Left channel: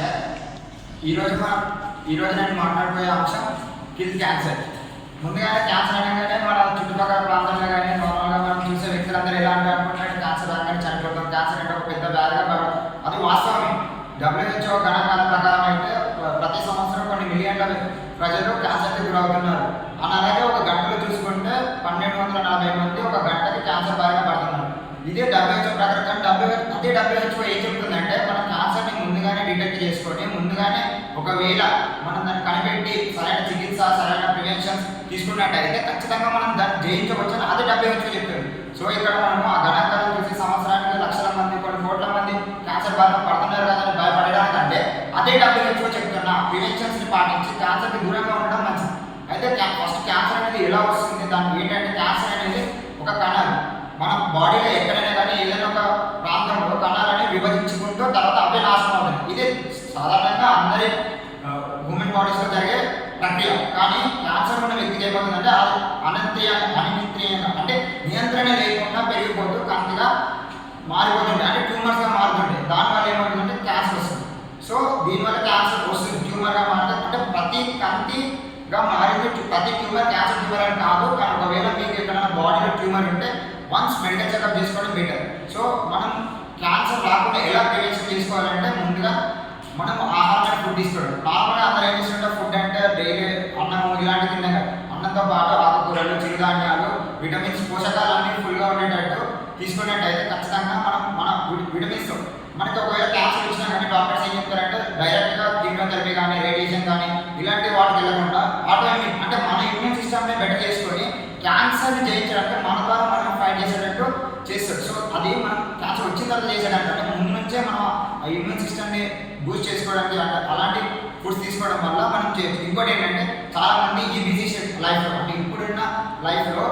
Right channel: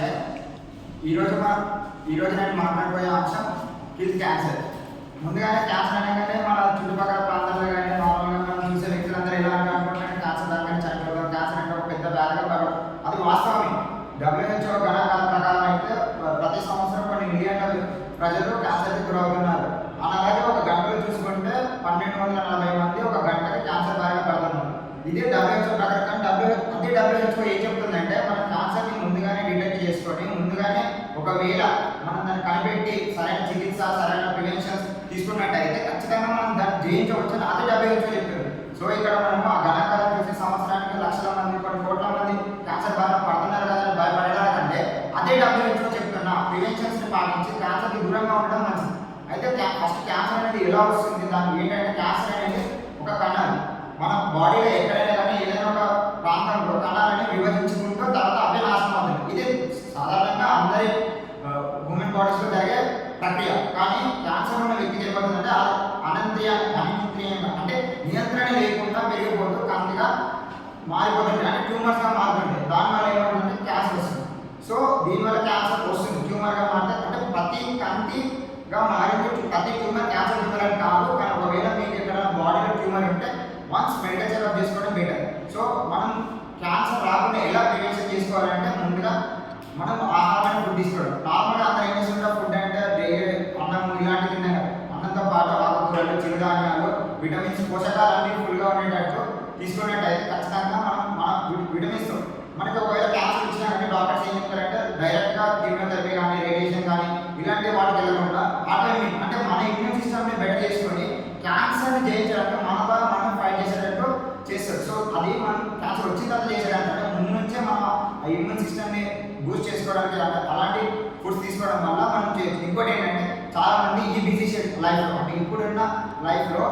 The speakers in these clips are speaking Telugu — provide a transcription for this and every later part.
హియర్. ఈరోజు నేను మాట్లాడబోయే అంశం కిల్ క్యాన్సర్. ముందుగానే క్యాన్సర్ అనగానే మన చుట్టుపక్కల ప్రాంతాల్లో కానీ నార్మల్గా మనం చూసే వ్యక్తులందరూ ఎలా అంటే అనుకుంటున్నాను క్యాన్సర్ అనగానే చనిపోతాం, క్యాన్సర్ అంటే ఒక పెద్ద వ్యాధిగా కాబట్టి అది వాస్తవమే. WHO గణాంకాల ప్రకారం అయితే ప్రతి సంవత్సరం కొన్ని మిలియన్ల ప్రజలు క్యాన్సర్కి గురవుతున్నారు. అలాగే ఒక గంటలో చూసుకుంటే 1240 మంది ఒక గంటకి క్యాన్సర్ బారిన పడుతున్నారు. ఇదే WHO ప్రకారం. అదే WHO ఏం చెప్తుందంటే మన క్యాన్సర్ని ముందుగానే డిటెక్ట్ చేసుకొని ముందుగానే ఒకవేళ మనం దాన్ని కనిపెట్టి సరైన చికిత్స సరైన ప్రివెన్షన్స్ తీసుకున్నట్టయితే ఖచ్చితంగా మనం దాన్ని జయించవచ్చు అని అదే WHO చెప్తుంది. సో ఇక్కడ మనము ఆ గణాంకాలను చూసి సంవత్సరానికి లక్షల మంది కొన్ని కోట్ల మంది క్యాన్సర్ బారిన పడుతున్నారు కదా అని భయపడడానికంటే అదే WHO చెప్తున్న ప్రివెన్షన్స్ని పాటించి క్యాన్సర్కి దూరంగా ఉండడం మంచిది. అయితే ఫస్ట్ క్యాన్సర్ అనేది ఎలా వస్తుంది, దానికి ఏంటంటే క్యాన్సర్ అనేది ఒక కణాలు మన బాడీలో ఎక్కడైనా కానీ ఏదైనా ఒక ప్రాంతంలో కణాలని విభజించుకుంటూ తర్వాత అవే నాశనం అవుతుంది. ఇది సాధారణంగా అందరి హ్యూమన్ బాడీస్లో జరిగే ప్రక్రియ. కానీ క్యాన్సర్ ఉన్న వ్యక్తికి ఏమవుతుందంటే అది అనియంత్రణీయంగా అంటే నియంత్రణ లేకుండా పెరిగిపోతూ కంటిగా మారిపోతుంది, అంటే ట్యూమర్స్గా మారుతుంది. దానివల్ల ఏమవుతుందంటే క్యాన్సర్ వస్తుంది. సో దీనివల్ల క్యాన్సర్ వస్తుంది, ట్యూమర్గా మారుతుంది. అంటే ప్రతి కంటిగా మారింది ప్రతి ట్యూమర్ క్యాన్సర్ ట్యూమర్ అని కాదు. కానీ ఒకవేళ మీకు ఎక్కడైనా బాడీలో ట్యూమర్ ఉంటే వన్స్ మెడికల్ చెకప్ చేసుకోవడం బెటర్. సో మనం క్యాన్సర్ రాకుండా ఎలా ప్రివెన్షన్ చేసుకోవాలంటే ముందుగా మనం ఆహారాన్ని ఫుడ్ తీసుకోవడం. నార్మల్గా అందరూ ఏం చేస్తుంటారు, ఫుడ్ అంటే డైలీ అన్నం ఇలాంటివి తిన్నాక అన్నంతో పాటు ఆకుకూరలు చిరుధాన్యాలు విటమిన్స్ పోషకాలన్నీ ఫుల్గా ఉండేటట్టు తీసుకున్నట్టయితే ఖచ్చితంగా మన విటమిన్స్ మనకి ఒకవేళ క్యాన్సర్ వచ్చినా కానీ డాక్టర్స్ ఏం చెప్తారంటే డైరెక్ట్గా కీమోథెరపీ కానీ రేడియేషన్ కానీ ఇలాంటి వాటికి వెళ్ళకుండా ఆటోఇమ్యూన్ అంటే మన ఇమ్యూన్ సిస్టమ్ని బెటర్ చేసుకొని క్యాన్సర్ని జయించడానికి మన ద్వారా మనం ఫైట్ చేసేటట్టు చేస్తారు. సో అది మనం క్యాన్సర్ వచ్చిన తర్వాత చేసేటట్టు అంటే ముందు నుంచే మనం ఆ ఇమ్యూన్ సిస్టమ్ని బూస్ట్ చేసుకోవడానికి అలాంటి ఫుడ్స్ తీసుకోవడం వల్ల మనం చేయొచ్చు. ఇంకోటి ఏంటంటే చాలామంది ఈ బిజీ లైఫ్లో అంటే ఇప్పుడున్న లైఫ్లో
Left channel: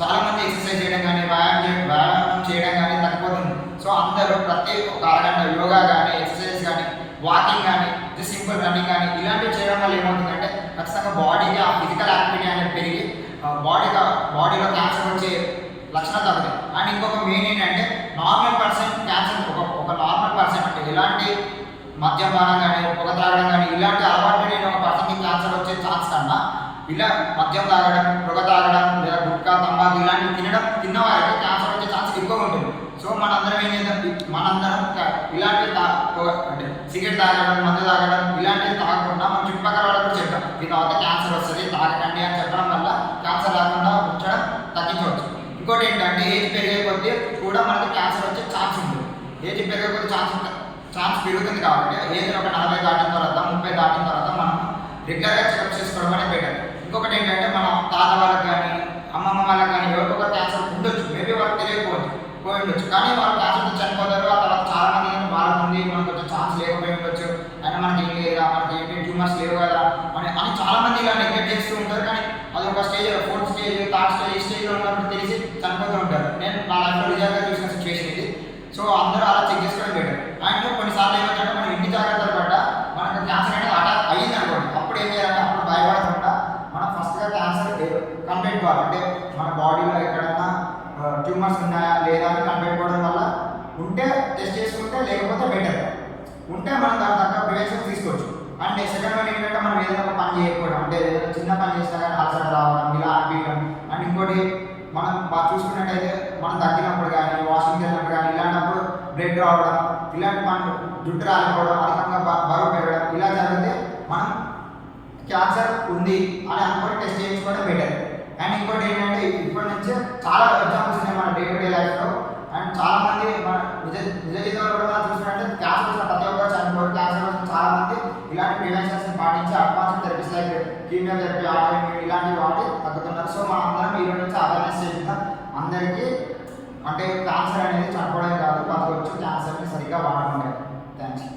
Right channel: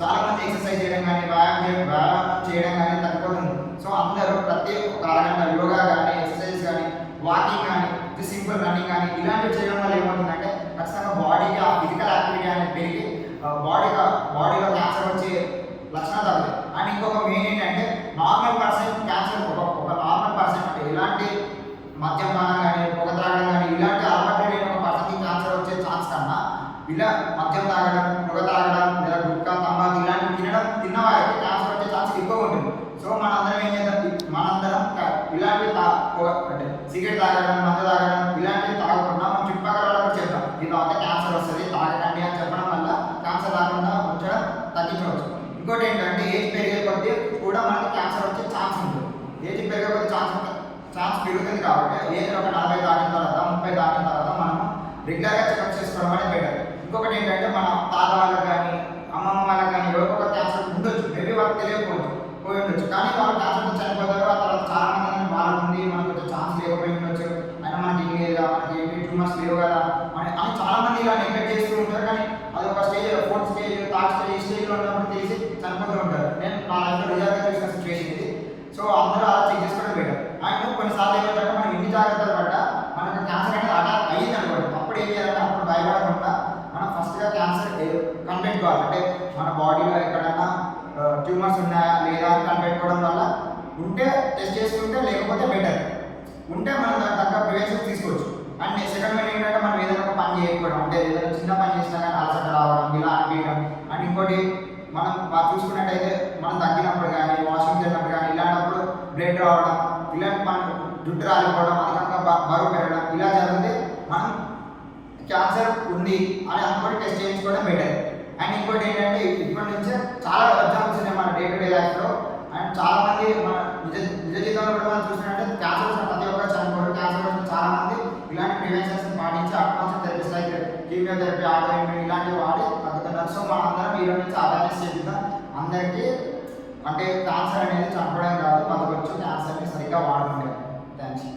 చాలామంది ఎక్సర్సైజ్ చేయడం కానీ వ్యాయామం చేయడం కానీ తగ్గిపోతుంది. సో అందరూ ప్రతి ఒక అరగంట యోగా కానీ ఎక్సర్సైజ్ కానీ వాకింగ్ కానీ సింపుల్ రన్నింగ్ కానీ ఇలాంటివి చేయడం వల్ల ఏమవుతుందంటే ఖచ్చితంగా బాడీకి ఆ ఫిజికల్ యాక్టివిటీ అనేది పెరిగి బాడీలో క్యాన్సర్ వచ్చే లక్షణాలు తగ్గుతాయి. అండ్ ఇంకొక మెయిన్ ఏంటంటే నార్మల్ పర్సన్ క్యాన్సర్ ఒక నార్మల్ పర్సన్ అంటే ఇలాంటి మద్యపానం కానీ పొగ త్రాగడం కానీ ఇలాంటి అలవాటు లేని ఒక పర్సన్కి క్యాన్సర్ వచ్చే ఛాన్స్ కన్నా ఇలా మద్యం తాగడం పొగ తాగడం లేదా గుట్కా తంబాకు ఇలాంటివి తిన్న వారికి క్యాన్సర్ వచ్చే ఛాన్స్ ఎక్కువగా ఉంటుంది. సో మనందరం ఏం చేద్దాం, మనందరం ఇలాంటివి అంటే సిగరెట్ తాగడం మందు తాగడం ఇలాంటివి తాగకుండా మన చుట్టుపక్కల వాళ్ళకి కూడా చెప్తాం ఇది తాగితే క్యాన్సర్ వస్తుంది తాగకండి అని చెప్పడం వల్ల క్యాన్సర్ రాకుండా ఉంచడం తగ్గించవచ్చు. ఇంకోటి ఏంటంటే ఏజ్ పెరిగే కొద్దీ కూడా మనకి క్యాన్సర్ వచ్చే ఛాన్స్ ఉంటుంది. ఏజ్ పెరిగే కొద్దీ ఛాన్స్ పెరుగుతుంది కాబట్టి ఏజ్ ఒక 40 దాటిన తర్వాత 30 దాటిన తర్వాత మనం రెగ్యులర్గా చెకప్ చేసుకోవడం అనేది బెటర్. ఇంకొకటి ఏంటంటే మన తాత వాళ్ళకి కానీ అమ్మమ్మ వాళ్ళకి కానీ ఎవరికొక క్యాన్సర్ ఉండొచ్చు, మేబీ వాళ్ళకి తెలియకపోవచ్చు పోయి ఉండొచ్చు. కానీ వాళ్ళు క్యాన్సర్తో చనిపోతారు. ఆ తర్వాత చాలా మంది వాళ్ళకుంది మనకు కొంచెం ఛాన్స్ లేకపోయి ఉండొచ్చు, అయినా మనకి ఏం లేదు కదా మనకి ఏంటి ట్యూమర్స్ లేవు కదా అని చాలామంది ఇలా నెగ్లెక్ట్ చేస్తూ ఉంటారు. కానీ అది ఒక stage 4th stage 3rd stage ఈ స్టేజ్లో ఉన్నప్పుడు తెలిసి చనిపోతూ ఉంటారు. నేను నా లైఫ్లో రిజల్ట్గా చూసిన సిచ్యువేషన్ ఇది. సో అందరూ అలా చెక్ చేసుకోవడం బెటర్. అండ్ కొన్నిసార్లు ఏమైందంటే మనం ఎన్ని జాగ్రత్తలు పడ్డా మనకు క్యాన్సర్ అనేది అటాక్ అయ్యింది అనుకోండి, అప్పుడు ఏం చేయాలంటే అప్పుడు భయపడకుండా మనం ఫస్ట్గా క్యాన్సర్ కనిపెట్టుకోవాలి. అంటే మన బాడీలో ఎక్కడన్నా ట్యూమర్స్ ఉన్నాయా లేదా అని కనిపెట్టుకోవడం వల్ల ఉంటే టెస్ట్ చేసుకుంటే లేకపోతే బెటర్, ఉంటే మనం దాని తగ్గ ప్రివెన్షన్ తీసుకోవచ్చు. అండ్ సెకండ్ వన్ ఏంటంటే మనం ఏదైనా ఒక పని చేయకపోవడం, అంటే ఏదైనా చిన్న పని చేసినా కానీ అలసట రావడం ఇలా అనిపించడం. అండ్ ఇంకోటి మనం చూసుకున్నట్టయితే మనం తగ్గినప్పుడు కానీ వాష్రూమ్కి వెళ్ళినప్పుడు కానీ ఇలాంటప్పుడు బ్లడ్ రావడం ఇలాంటి పనులు జుట్టు రాలిపోవడం అధికంగా బరువు పెరగడం ఇలా జరిగితే మనం క్యాన్సర్ ఉంది అని అనుకోని టెస్ట్ చేయించుకోవడం బెటర్. అండ్ ఇంకోటి ఏంటంటే ఇప్పటి నుంచే చాలా ఎగ్జాంపుల్స్ ఉన్నాయి మన డే టు డే లైఫ్లో. అండ్ చాలామంది మన నిజ జీవితంలో కూడా మనం చూసినట్టే క్యాన్సర్ వచ్చిన ప్రతి ఒక్కరు చనిపోరు. క్యాన్సర్ వచ్చిన చాలామంది ఇలాంటి ప్రివెన్షన్స్ పాటించి advance therapies like chemotherapy autoimmune ఇలాంటివి వాడి తగ్గుతున్నారు. సో మనం అందరం ఈరోజు నుంచి అవేర్నెస్ చేద్దాం అందరికీ. అంటే క్యాన్సర్ అనేది చనిపోవడం కాదు, బతకొచ్చు క్యాన్సర్ని సరిగ్గా వాడుకుంటాం. థ్యాంక్స్.